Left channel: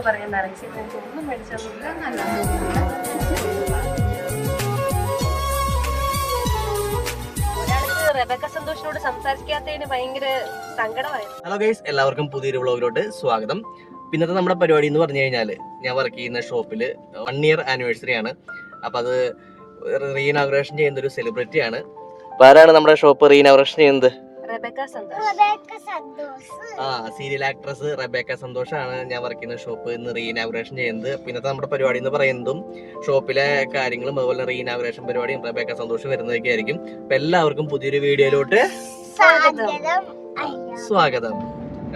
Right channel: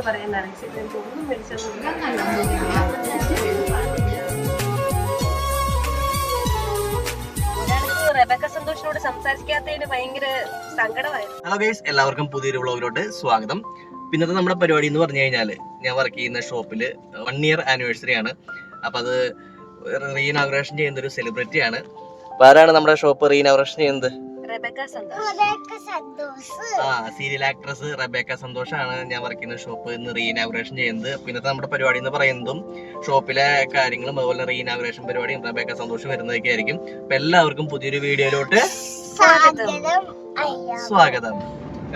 പറയുന്നതാണ് പക്ഷെ എനിക്ക് ഒന്നും റെബക്ക സന്തോഷിനോട് സംസാരിക്കാത്തതിന് ഭയങ്കര സങ്കടമായിരുന്നു. ഹലോ ഗൈസ് എല്ലാവർക്കും പുതിയൊരു വ്ളോഗിലോട്ട് സ്വാഗതം. പിന്നത്തെ നമ്മുടെ പരിപാടി എന്ന് പറഞ്ഞു കഴിഞ്ഞാൽ ഞാൻ വർക്ക് ചെയ്യുന്ന ഷോപ്പിൽ വൺ ഇയർ ആനിവേഴ്സറി ആണ്. അപ്പം അത് റീനാഗ്രേഷൻ ചെയ്യുന്ന ഒരു സെലിബ്രിറ്റി ആണ്. അപ്പൊ ആരാണ് നമ്മുടെ ഷോപ്പ് റീനാഗ്രേഷൻ ചെയ്യുന്നത്? ആ സീരിയൽ ആക്ട്രസ് റബേക്ക സന്തോഷാണ് ഞാൻ വർക്ക് ചെയ്യുന്ന ഷോപ്പ് ഇന്ന് റീഇനാഗ്രേഷൻ ചെയ്യുന്നത്. പിന്നെ നമ്മുടെ പരിപാടി എന്ന് പറയുന്നതും ഷോപ്പിലെ കാര്യങ്ങളും അതുപോലെ റീഇനാഗ്രേഷൻ പരിപാടിയും റബേക്ക സന്തോഷം വരുന്നതൊക്കെ ആയിരിക്കും. അപ്പൊ എല്ലാവർക്കും പുതിയൊരു വീഡിയോയിലോട്ട് സ്വാഗതം.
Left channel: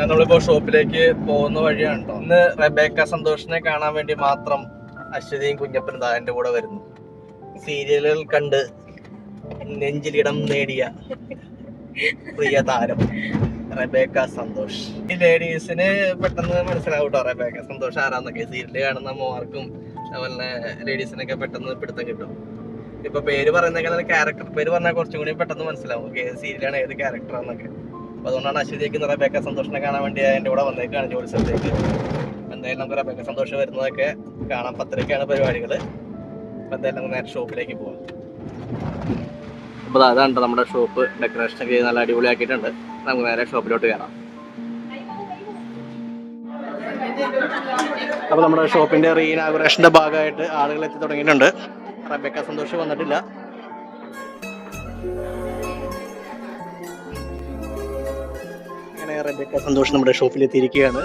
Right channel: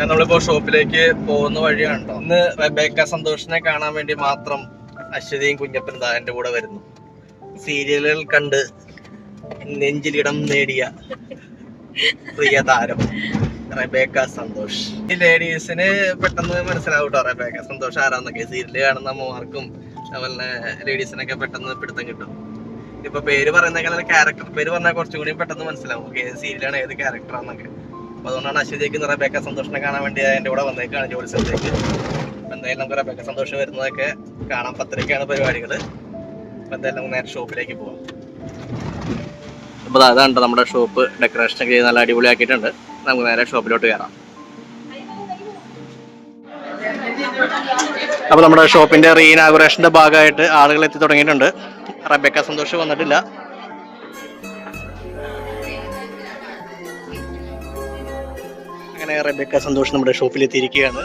നമ്മളിപ്പോ ഷോപ്പിലേക്ക് പോകുന്ന വഴിയാണ് ട്ടോ. ഇന്ന് റബേക്ക സന്തോഷിനെ കാണാൻ വേണ്ടി മാത്രം അശ്വതിയും കുഞ്ഞപ്പനും എന്റെ കൂടെ വരുന്നു. സീരിയലുകൾ കണ്ട് നെഞ്ചിലിടം നേടിയ പ്രിയ താരം റബേക്ക സന്തോഷ്. ഈ ലേഡീസിന് പെട്ടെന്ന് മനസ്സിലാവും കേട്ടോ റബേക്ക സന്തോഷ് ആരാന്നൊക്കെ സീരിയൽ കാണുന്ന അമ്മമാർക്കും അതുപോലെ ലേഡീസിനൊക്കെ പെട്ടെന്ന് പിടുത്തം കിട്ടും. ഇപ്പൊ പേര് പറയുന്നേക്കാൾ ക്യാരക്ടർ പേര് പറഞ്ഞാൽ കുറച്ചും കൂടി പെട്ടെന്ന് മനസ്സിലാവും. ഏത് സീരിയലാണ് ഏത് ക്യാരക്ടറാന്നൊക്കെ അപ്പൊ അതുകൊണ്ടാണ് അശ്വതിക്ക് റബേക്ക സന്തോഷിനെ കാണാൻ വേണ്ടി എന്റെ കൂടെ വന്നേക്കാണ് ജോലി സ്ഥലത്തേക്ക്. എന്തായാലും നമുക്ക് റബേക്ക സന്തോഷം വരുന്നതൊക്കെ കാണാം പത്തരക്കാണ് പരിപാടികൾ. അപ്പൊ എന്തായാലും നമുക്ക് നേരെ ഷോപ്പിലേക്ക് പോവാം. അപ്പോൾ അതാണ് നമ്മുടെ ഷോപ്പ് ഡെക്കറേഷൻ ഒക്കെ ചെയ്ത് നല്ല അടിപൊളിയാക്കിയിട്ടുണ്ട്. നമുക്ക് നേരെ ഷോപ്പിലോട്ട് കയറാം അപ്പോൾ നമ്മുടെ ഷോപ്പിന്റെ റീഇനാഗുറേഷന്റെ ഭാഗമായിട്ട് ആളുകൾ എത്തി തുടങ്ങിയിട്ടുണ്ട്. റബേക്ക സന്തോഷ് വന്നിട്ടില്ല. അങ്ങനെ റബേക്ക സന്തോഷം നമ്മുടെ ഷോപ്പിൽ എത്തിയിരിക്കുകയാണ്.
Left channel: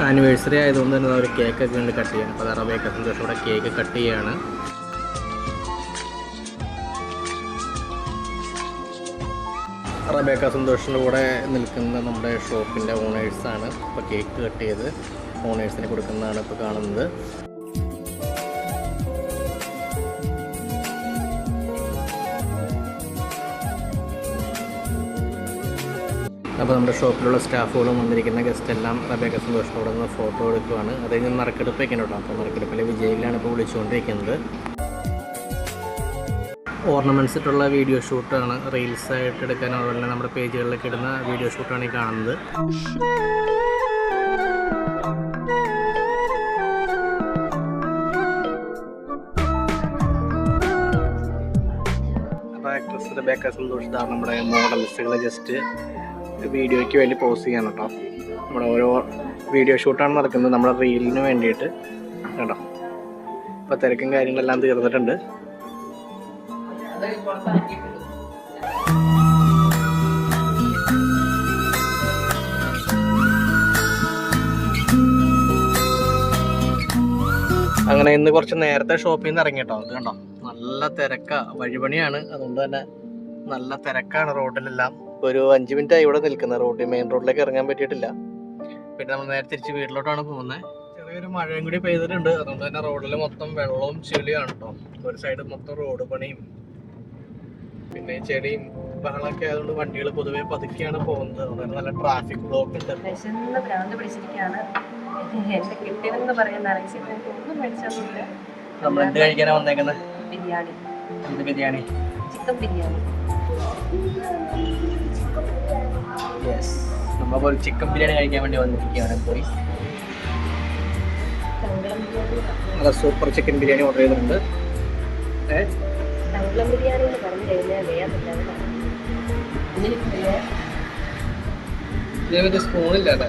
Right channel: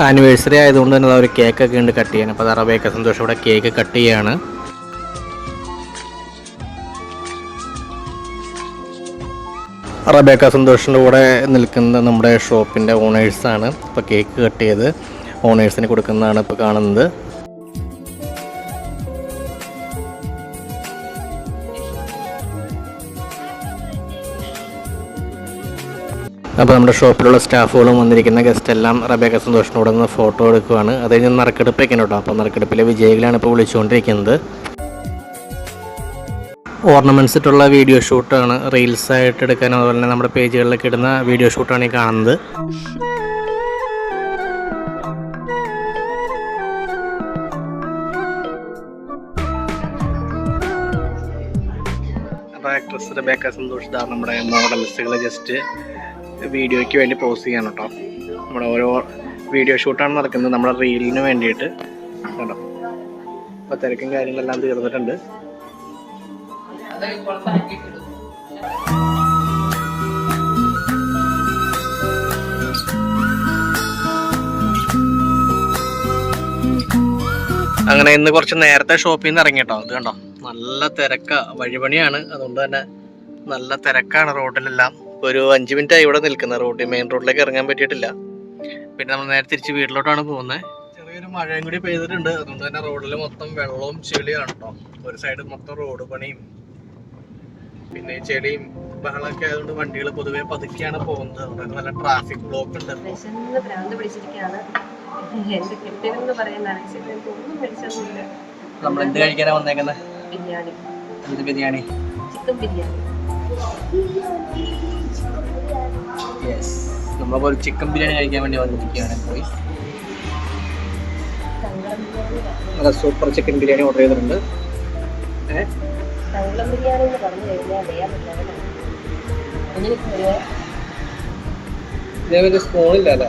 ആനിവേഴ്സറി ആയതുകൊണ്ട് തന്നെ ഒരു കേക്കൊക്കെ ഉണ്ട് കട്ട് ചെയ്യാൻ. അപ്പോൾ റബേക്ക സന്തോഷം ഇവിടെ കേക്ക് കട്ട് ചെയ്യാണ്. റബേക്ക സന്തോഷിന്റെ കൂടെ നിൽക്കുന്നത് നമ്മുടെ ഷോപ്പിന്റെ ഓണേഴ്സാണ് ഇപ്പോൾ കേക്ക് കട്ട് ചെയ്ത് ഓണേഴ്സിന് കൊടുക്കുന്നതാണ് ഇപ്പോൾ കാണുന്നത്. അപ്പോൾ നമ്മുടെ ഷോപ്പിലുള്ള സ്റ്റാഫുകളും വന്നിരിക്കുന്ന ഗസ്റ്റ് എല്ലാം റബേക്ക സന്തോഷിനോട് നിന്ന് ഫോട്ടോ എടുക്കുവാണ്. അത് കഴിഞ്ഞ് നറുക്കെടുപ്പൊക്കെ കേട്ടോ. അപ്പോൾ നറുക്കെടുപ്പിലെ വിജയികളാണ് ഇപ്പോൾ വിളിച്ചുകൊണ്ടിരിക്കുന്നത്. ഓർണമെന്റ്സ് ഇട്ടുള്ള വീഡിയോ ഷൂട്ടാണ് റീൽസ് ആയിട്ട് എടുക്കാൻ അതുപോലെ തന്നെ നമ്മുടെ പേജുകളിലൊക്കെ ഇടുന്ന വീഡിയോ ഷൂട്ടാണ് ഈ കാണുന്നത്. ആക്ട്രസ് റബേക്ക സന്തോഷ് നമ്മുടെ മോഡൽസുകൾ ജസ്റ്റ് വീഡിയോയ്ക്ക് വേണ്ടി പോസ്റ്റ് ചെയ്യണം കേട്ടോ. നമ്മുടെ ഓരോ വീഡിയോ ഷൂട്ടാണ് നടക്കുന്നത് നമ്മുടെ റീലിന് വേണ്ടിയിട്ട്. കേട്ടോ. അപ്പോൾ തിരക്കും കാര്യങ്ങളെല്ലാം തീർന്നിട്ടുണ്ട്. അങ്ങനെ ഇന്ന് കുറച്ച് നേരത്തെ ഷോപ്പിൽ നിന്ന് ഇറങ്ങി കേട്ടോ. അത് കണ്ടോ? നല്ല തിരക്കാ. വഴിപണിയാണ്. അതുകൊണ്ട് തന്നെ നല്ല തിരക്കാണ് റോഡിലെല്ലാം. ഒരു അഞ്ച് മിനിറ്റ് ആയി ഇവിടെ നിൽക്കുന്ന. റോഡിൽ മെയിൻ റോഡിലേക്ക് ഇറങ്ങാൻ പറ്റിയിട്ടില്ല. പിന്നെ നമ്മൾ നേരെ തിരിച്ച് വീട്ടിലോട്ടാണ് പോകുന്നത് ചെറിയൊരു മഴയും കൂടി പെയ്തിട്ടുണ്ട്. അതുകൊണ്ട് തന്നെ റോഡിൽ മൊത്തം വെള്ളവും ചെളിയാണ് കേട്ടോ ഒരു സൈഡ് മൊത്തം റോഡ് പണിയും. പിന്നെ ചെളിയും ബഹളമൊക്കെ ആയതുകൊണ്ട് വണ്ടികൾ പൊതുവെ പതുക്കെയാണ് പോകുന്നത്. അതുകൊണ്ട് നല്ല ട്രാഫിക് ബ്ലോക്ക് ഉണ്ട്. ഭ്രാന്ത് പിടിച്ചിരിക്കുകയാണ് എന്റെ കിട്ടിയതെന്ന് പറയുന്ന ഒന്നും മേടിച്ചൊന്നുമില്ല. നമ്മൾ എന്ത് കഴിക്കാനാ വന്നേക്കുന്നത് ബിരിയാണി. എന്ത് ബിരിയാണി? ചിക്കൻ ബിരിയാണി. യെസ് നമ്മളിപ്പോൾ ഒരു ചിക്കൻ ബിരിയാണി കഴിക്കാൻ വേണ്ടി വന്നിരിക്കുകയാണ്. പോയി. നല്ല സൂപ്പർ ചിക്കൻ ബിരിയാണി ഓർഡർ ചെയ്തിട്ടുണ്ട്. ഏ? സ്പൂണില്ല ബിരിയാണി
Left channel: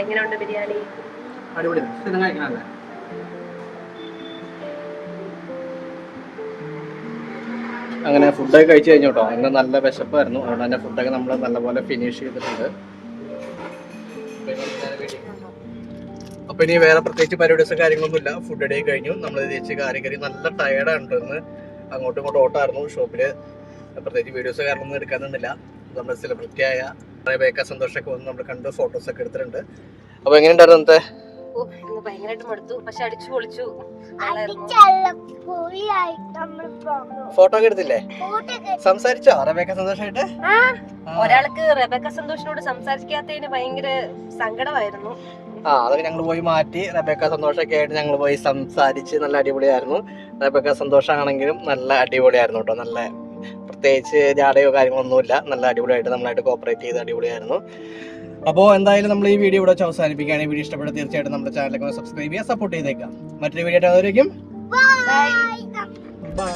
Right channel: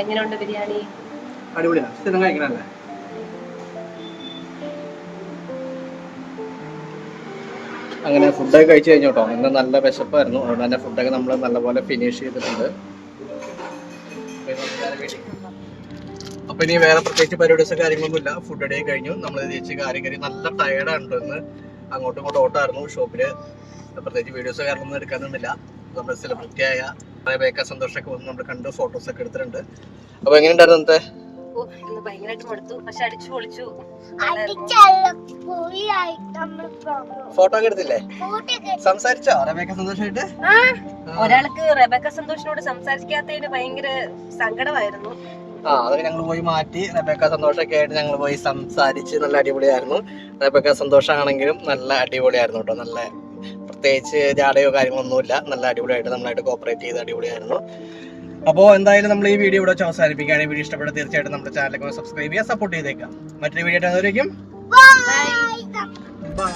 എങ്ങനെയുണ്ട് ബിരിയാണി? അടിപൊളിയാണ്. സ്ഥിരം കഴിക്കണല്ലേ? അങ്ങനെ ഫുഡൊക്കെ കഴിച്ചു കഴിഞ്ഞു കേട്ടോ ഇന്ന് നല്ല വിശപ്പായിരുന്നു. അതുകൊണ്ട് തന്നെ ഫുഡൊക്കെ നമ്മൾ നല്ലപോലെ ഫിനിഷ് ചെയ്തിട്ടുണ്ട്. അപ്പൊ ഇനി വേറെ പ്രത്യേകിച്ച് പരിപാടിസും കാര്യങ്ങളൊന്നും ഇല്ല. ഫുഡ് അടി കഴിഞ്ഞു. നമ്മൾ തിരിച്ച് കാര്യം കയറി നല്ല ടയർഡാണ് ഇന്ന്. അങ്ങോട്ടും ഇങ്ങോട്ടും ഓട്ടായിരുന്നു. ഷോപ്പിൽ പ്രത്യേകിച്ച് വീഡിയോസ് കാര്യങ്ങളൊന്നും എടുക്കാനൊന്നുമില്ല നമ്മുടെ സെലിബ്രിറ്റി ആയ ബേക്ക സന്തോഷമൊക്കെ വന്ന് നമ്മൾ കണ്ട് ഫോട്ടോസ് ഒക്കെ എടുത്തിട്ടുണ്ട്. അപ്പൊ എങ്ങനെയുണ്ടായിരുന്നു ഇന്നത്തെ ഓ ഇന്ന് ഭയങ്കരമായിട്ട് മടുത്തു. പക്ഷെ അടിച്ചു പൊളിച്ചു. ഫോട്ടോ എടുത്തില്ലേ? സംസാരിച്ചോ റബേക്ക സന്തോഷമായിട്ട് ഒരാൾക്ക് റബേക്ക സന്തോഷിനോട് സംസാരിക്കാത്തതിന് ഭയങ്കര സങ്കടമായിരുന്നു. ആ അതൊക്കെ ഞങ്ങൾ പോയി മാറ്റി റബേക്ക സന്തോഷമൊക്കെ ആയിട്ട് ഞങ്ങൾ പോയി സംസാരിച്ച് നല്ല അടിപൊളിയായിരുന്നു. റബേക്ക സന്തോഷമാണെങ്കിലും നല്ല അടിപൊളിയായിരുന്നു കേട്ടോ. നല്ല പ്രത്യേകിച്ച് ജാടയോ കാര്യങ്ങളൊന്നുമില്ല. നല്ല അടിപൊളിയായിട്ട് നമ്മളായിട്ട് കോപ്പറേറ്റ് ചെയ്ത് അടിപൊളിയായിരുന്നു. അപ്പോൾ എന്തായാലും നമ്മൾ ഈ വീഡിയോ ഇവിടെ വെച്ച് അവസാനിപ്പിക്കുകയാണ് വീഡിയോ ഇഷ്ടപ്പെട്ട തീർച്ചയായിട്ടും നമ്മുടെ ചാനലൊക്കെ സബ്സ്ക്രൈബ് ചെയ്യുക സപ്പോർട്ട് ചെയ്തേക്കാം മറ്റൊരു വീഡിയോ ആയിട്ട് അതുവരേക്കും ബൈ